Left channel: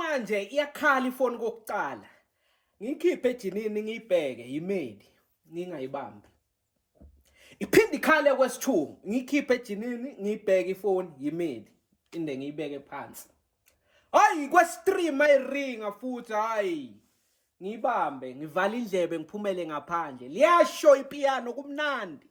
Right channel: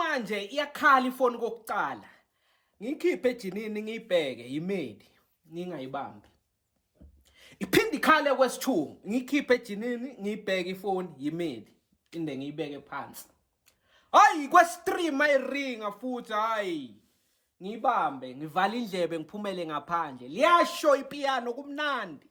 manje iyakhala ifoni kokuqala. Ngiyikhiphe ejinini ngiyibheke imedi, ngingayibambi. Iphinde ikhale kwesithuku, ngiyikhiphe ejinini ngiyibheke ifoni imedi, inde ngiyibeke phansi. Hayi kwesi-3 mayiringa futhi hayi. Ngibambe, ngivala indlebe ngiphumele ngaphandle. Liyasho ipiyano kumnandi.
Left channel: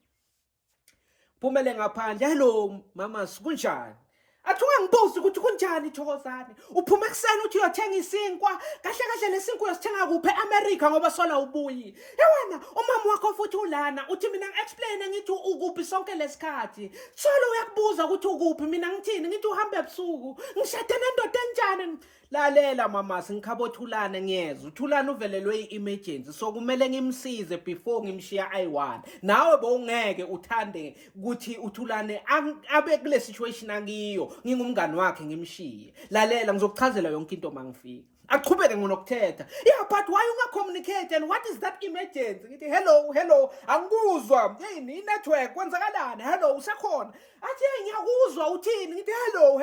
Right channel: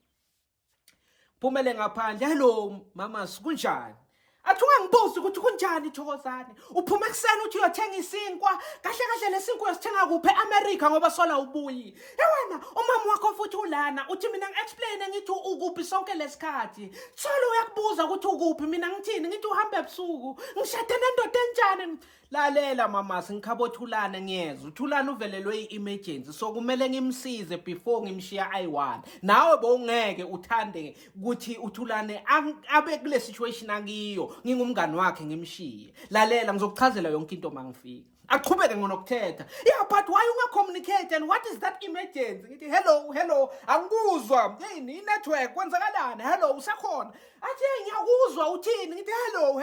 Phumele ngaphandle. Hello mama, sikunjani? Athi ungangibuzi ukuthi kunjani Thokozane. Uphuma ekseni uthi uyothenga isinkwa. Kahle kahle lesinkwa uyosithenga kuphi eAmerica ngoba sola ubuyi. Wena umama wakho futhi ulana uthi mina ngi-explain ngithi ukuphi sonke lesikhathi. Solo uyakubuza ukuthi ukuphi mina ngithini ngithi uhamba ebusuku. Ngishade nendoda enjani? Lalela mama singikhabothulana ngiyeza. Uthulana uvelelwe i-emergency so kumele ngimsize before ngimshiya I1. Nawe bowungeke uthande ukuthi uthulane abe kule situation akiyo. Ngingumngani wakhe ngimshiye. Lalela ngizokuchazela yonke into mangifika. Aqhubeke ngonokuthetha. Yeah, but why ungacommunicate and what is that emergency? Ngithi hello angikuzwa. Yini network kwenzakalani? Hello usekhona? Athi ngiyakuzwa uthini? Ngithi hello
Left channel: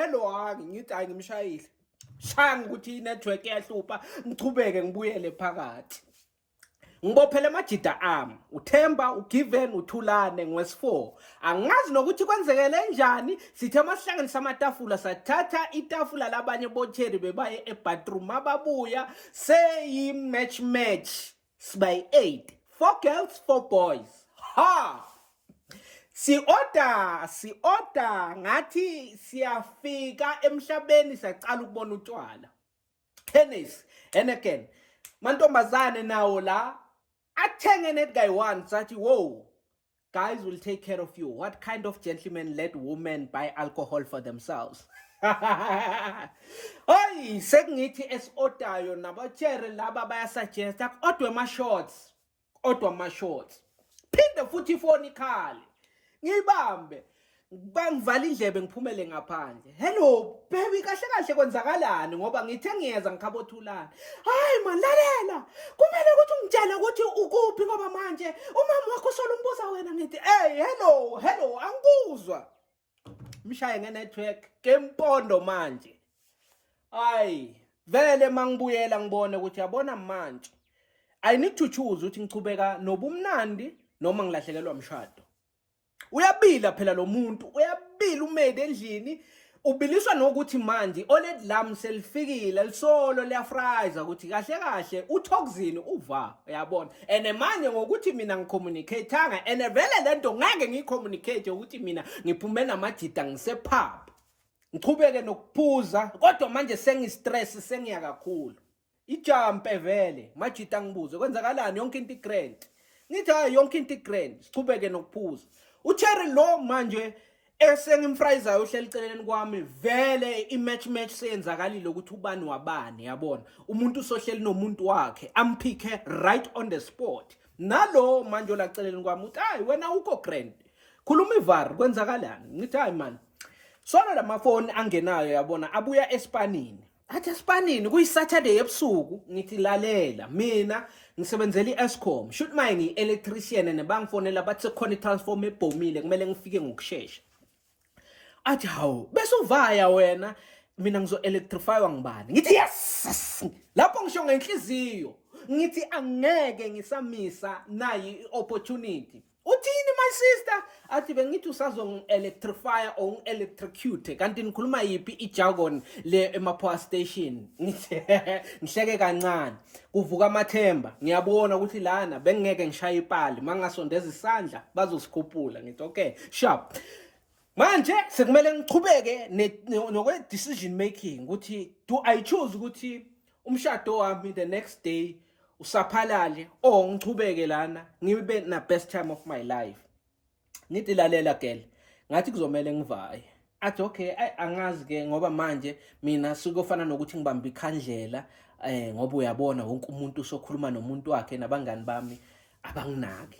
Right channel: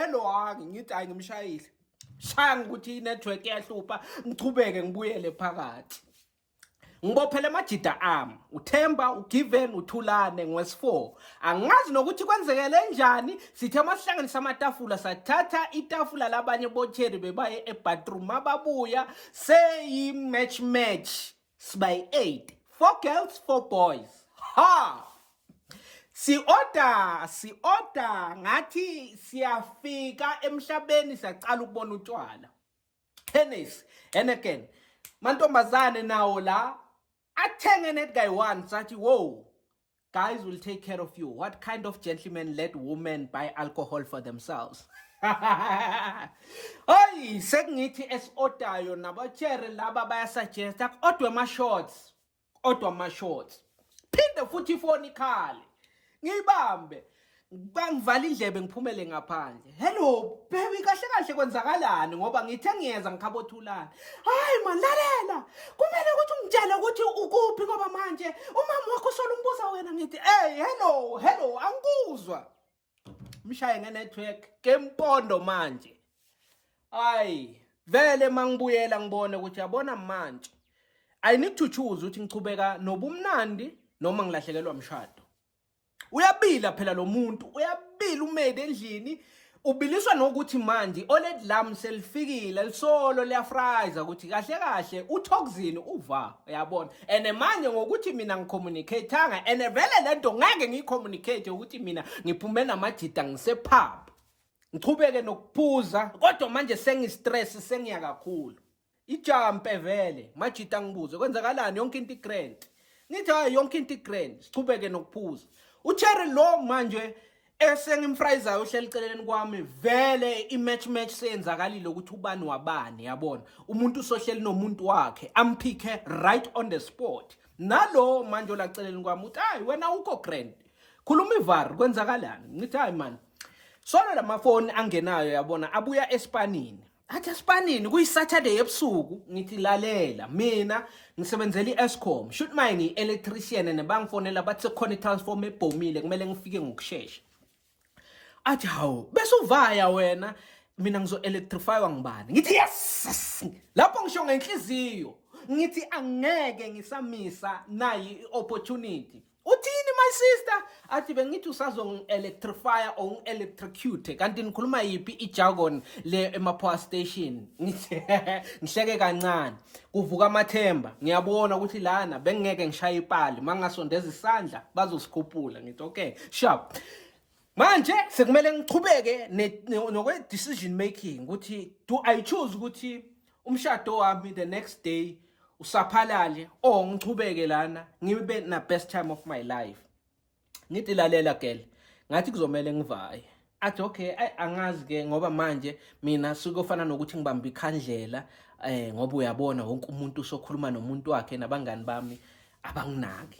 ngithi hayi ngimshayile. Shanga ukuthi network yahlupha ngichubeke ngibuyele phakathi. Ngibophele amajida ami, uThemba, uGiven, uThulane ngwesi4. Angazi nokuthi kwenzekele njani, sithe masihlanganisa amatafula sathatha itafula labanye botheri bebaye ebathroom ababuya seyi match sibayi 8. 4 girls, 4 boys. Ha! Si order ngathi siyafika emhlabeni siyacala ukubona utshwala. Tennis and again mantombazane nawo la athenge net guy one sathi whoa guys will take care of you. What kind of gentleman let women buy alcohol for themselves? Oy sengithi esordayo nabathere laba bayasuggest odwe ma shorts phinde futhi ifoni ikhale ngibambe bangivala indlebe ngiphumele ngaphandle. Hello baby kahle kahle kwenzakalani ngoba ngithe ngiyeza ngikhabothulana. Hayi man lalela kumele ukuthi ungitshele ukuthi ukuphi ngoba manje umama wakho solumbuza wena ngithi hey hello angikuzwa. Mshaye ngenetwork kempondo manje. Hayi vele mangibuyela ngibone ukuthi yabona manje I need to choose ukuthi ngichubeka nobumnandi noma ngilahlekelwa umshado. Uyabila phela lo muntu, uyabila umede endlini, ubiliswa nokuthi manje oled lam selifikile lisolo liyafriza ukuthi kahle uThokozini uva uyabona. Ene manje ngokuthi mina ngicommunicateanga ene vele lento ngeke ngicommunicate ukuthi mina ngiphume namajida ngisepub. Ngichubeke nokuphuza kodwa manje sengistress sengiya kakhulu. Ijampe vele majida ngibuze kwenzakalani yonke into igrand. Ngithi hayi yonke into igrand sichubeke nokuphuza. Ucherry lo manje esengimfrizayo uhleli celeni kwami vele imatch seyenzakalile ukuthi ubani wabani yabona umuntu sohleli nomuntu wakhe amphike right on the spot. Nalo manje la celeni kwami uthi hayi wena ukho grand khuluma ivar kwenzakalani. Ngithi hayi man sona lamafoni angenayo yabona abuya eSpanini. Athi eSpanini kuyiSaturday ebusuku ngithi lalela mina ngisebenzela iEscom shoot mine electrician nebangifonela bathi khona itransform ebhomile kumele ngifike ngokusheshsha. Athi hawo bese uvaya wena mina ngizo electrifywa ngibani. Ngithi yes lapho ngisho ngenhliziyo ngithi angeke ngisamisa nayi opportunity. Uthini my sister? Athi bengithi usazong-electrify or ngi-electrocute kanti nikhuluma yipi ijargon le ema-power station. Ngihleke kancane kuvuka amathemba ngiyabona ukuthi lana bengeke ngishaye ipali mangasondeza isandla bazosikhuphula. Ngithi okay sharp manje sekumele ngichubeke nokwe decision making ukuthi do I choose ukuthi umshado wami the next day usaphalale or ngichubeke lana ngibe na best time of my life. Ngithi lalela girl ngathi kuzomela ngivaye. Athi okay angazi ke ngoba manje mina sikofana nokuthi ngibamba ikhandlela ngoba uyabona wonke umuntu usokhuluma nomuntu wakhe nabangani bami abanginaki.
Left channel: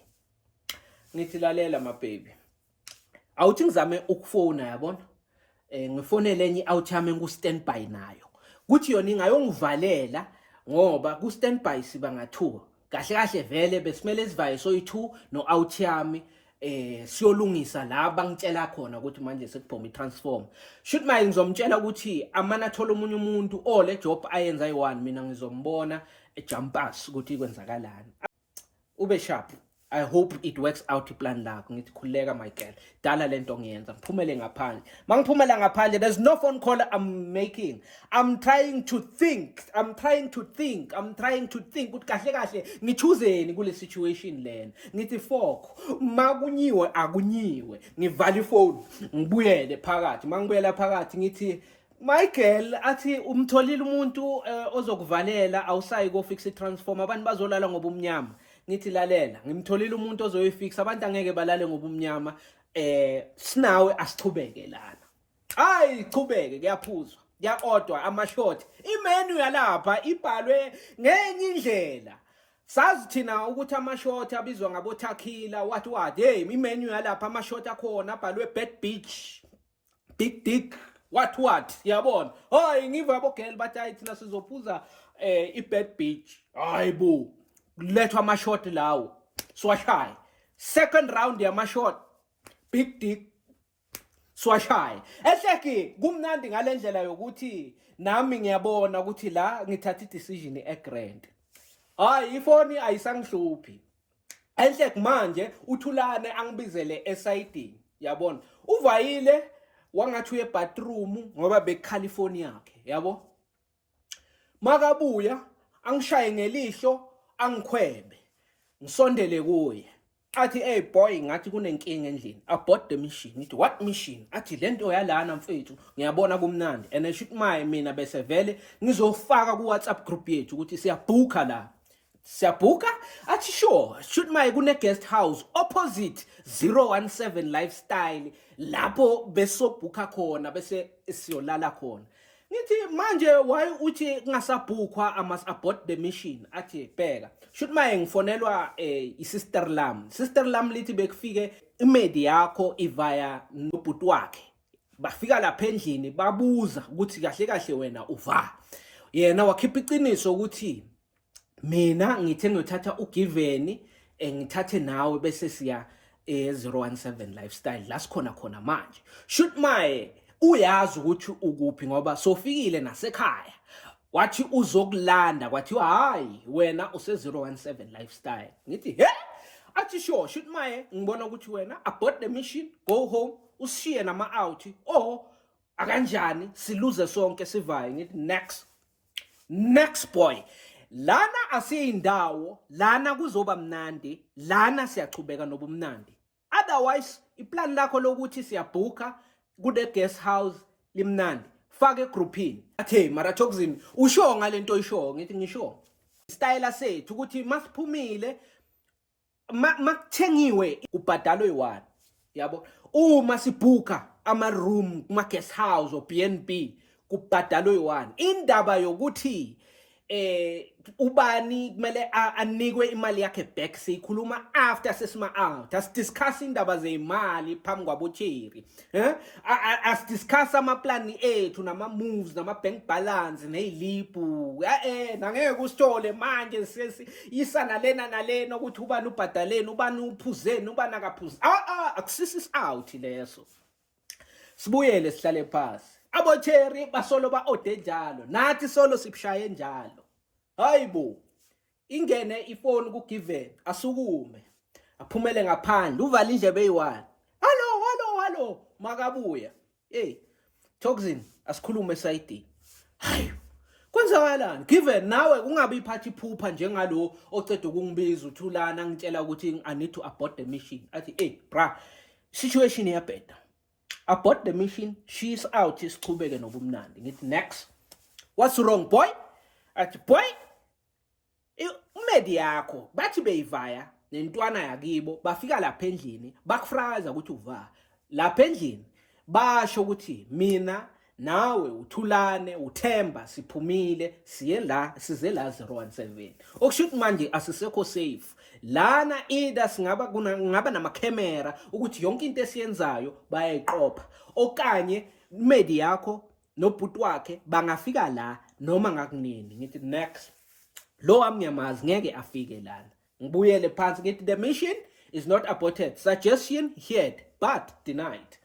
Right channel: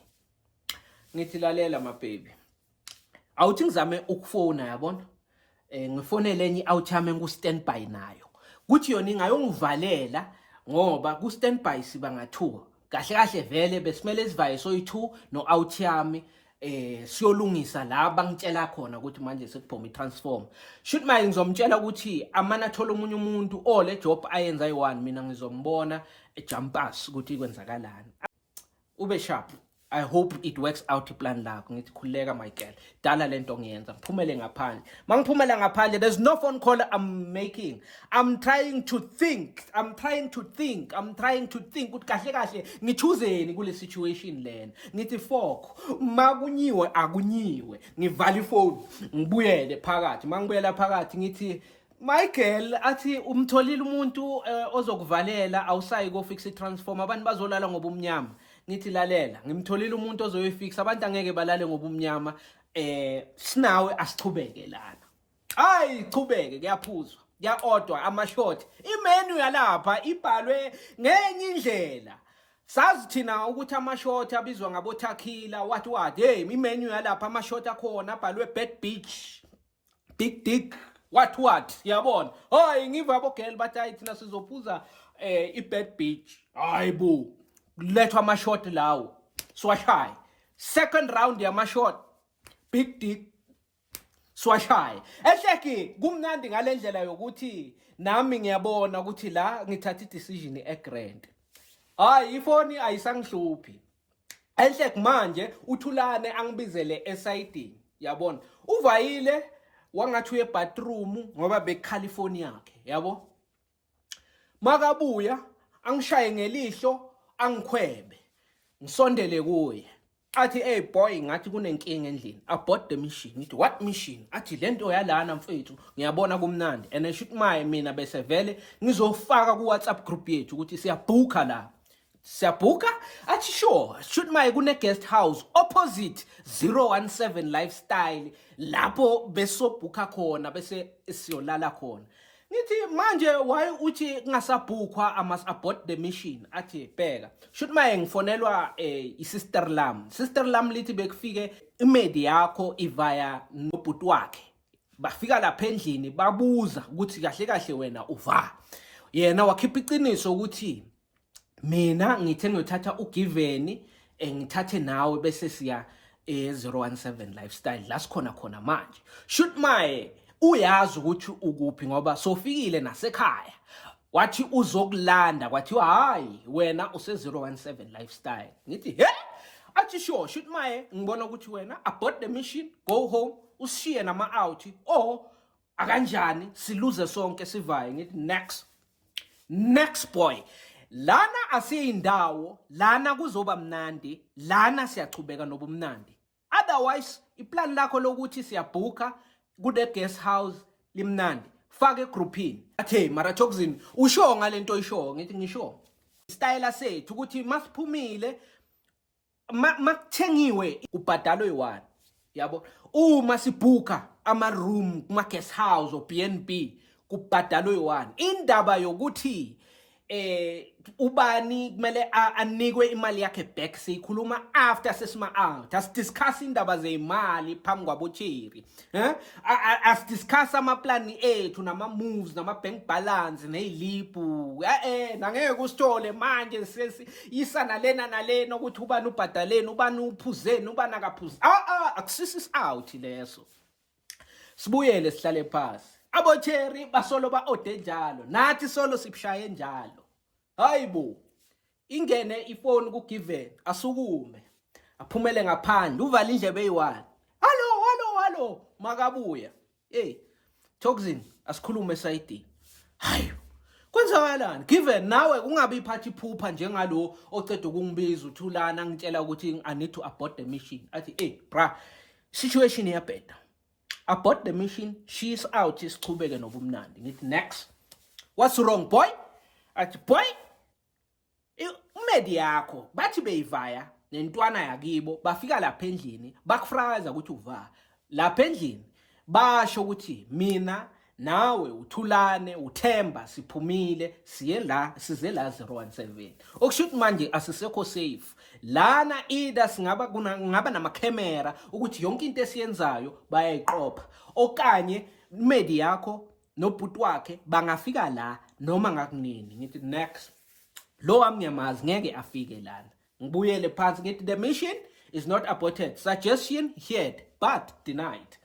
Ngithi lalela my baby awuthi ngizame ukufona yabona ngifonele enye outyame ngu standby nayo kuthi yona ingayongivalela ngoba ku standby siba nga2 kahle vele besimele sivaye soyi2 no out yami siyolungisa la bangitshela khona ukuthi manje sekuphoma itransform. Shoot my ngizomtshela ukuthi amana athola umunye umuntu le job ayenza yi1 mina ngizombona ejumpers ukuthi kwenzakalani. Ube sharp. I hope it works out iplan lakho. Ngithi khuleka my girl. Dala lento ngiyenza. Ngiphumele ngaphandle. Mangiphumela ngaphandle, there's no phone call I'm making. I'm trying to think ukuthi kahle kahle ngichuzeni kule situation lena. Ngithi fok, makunyiwe akunyiwe. Ngivala ifone, ngibuyele phakathi. Mangibuyela phakathi ngithi my girl athi umtholile umuntu ozokuvalela awusayi ko fix itransform abantu bazolala ngoba umnyama. Ngithi lalela ngimtholile umuntu ozoyifixa abantu angeke balale ngoba umnyama sinawe asichubeke lana. Hayi chubeke kuyaphuzwa kuyaodwa amashort imenu yalapha ibhalwe ngenye indlela. Sazi thina ukuthi amashort abizwa ngabo Takhila what hey imenu yalapha amashort akhona abhalwe Bad Beach Big Dick what yabona. Hayi ngiva abo girl bathi ayi thina sizophuza iBad Beach. Hayi bo lethwa amashort lawo swashayi. Second round yamashort Big Dick swashayi. Ehleki kumnandi ngalendlela yokuthi nami ngiyabona ukuthi la ngithatha idecision egrand. Hayi ifoni ayisangihluphi. Ehleki manje uThulane angibizele esayidini yabona. Uvayile wangathi uye bathroom ngoba beKhalifornia yakhe yabo. Makabuya angishaye ngelihlo angikhwebe ngisondele kuye athi hey boy ngathi kunenkinga endlini abort the machine. Ngithi what machine? Athi lento yalana mfethu ngiyabona kumnandi and shikmaye mina bese vele ngizofaka ku WhatsApp group yethu ukuthi siyabhuka la. Siyabhuka? Athi sure. Shoot my kune guest house opposite 017 lifestyle lapho besobhuka khona bese siyolala khona. Ngithi manje why uthi kungasabhukwa amas abort the mission? Athi bheka shoot my ngifonelwa isister lam lithi bekufike imedi yakho ivaya nobhuti wakhe. Bafika lapha endlini babuza ukuthi kahle kahle wena uva. Yena wakhipha iqiniso ukuthi mina ngithe ngiyothatha uGiven ngithathe nawe bese siya 017 lifestyle la sikhona manje. Shoot my uyazi ukuthi ukuphi ngoba sofikile nasekhaya. Wathi uzokulanda kwathi hayi wena use 017 lifestyle. Ngithi he athi sure shoot my ngibona ukuthi wena abort the mission go home ushiye nama out akanjani siluze sonke sivaye. Ngithi next boy lana asiyindawo lana kuzoba mnandi lana siyachubeka nobumnandi. Otherwise iplan lakho lokuthi siyabhuka kude guest house limnandi fake groupini. Athe mara Toxin usho ngalento oyisho. Ngithi ngisho style sethu ukuthi masiphumile makuthengiwe ubhadalo yi1 yabo. Uma sibhuka ama room kuma guest house o BNB kubhadalo yi1. Indaba yokuthi ubani kumele anikwe imali yakhe back sikhuluma after sesima out. Asidiscuss indaba zeimali phambi kwabocheri. Asidiscuss amaplan ethu nama moves nama bank balance nezilipu. Nangeke usithole manje sesiyisana lena nalena ukuthi ubani ubhadaleni ubani uphuzeni ubani akaphuzi. Akusisi out leso. Sibuyele sihlale phansi. Abocheri basolo ba ode njalo nathi solo sibshaye njalo. Hayibo ingene ifoni kuGiven asukume aphumele ngaphandle uvala indlebe eyi1. Hello makabuya Toxin asikhulume esayidini. Hayi kwenzakalani Given nawe kungabe iphathi phupha njengalo oceda ukungibiza uThulana ngitshela ukuthi I need to abort the mission. Athi bra situation iyabheda. Abort the mission, she's out, isichubeke nobumnandi. Ngithi next. What's wrong boy? Athi boy umedi yakho bathi beyivaya nentwana yakibo bafika lapha endlini bakufraza ukuthi uva. Lapha endlini basho ukuthi mina nawe uThulane uThemba siphumile size la 017. Okushuthi manje asisekho safe. Lana either ngaba nama camera ukuthi yonke into esiyenzayo bayayiqopha okanye imedi yakho nobhuti wakhe bangafika la noma ngakunini. Ngithi next lo amnyamazi ngeke afike lana. Ngibuyele phansi ngithi the mission is not aborted. Suggestion heard but denied.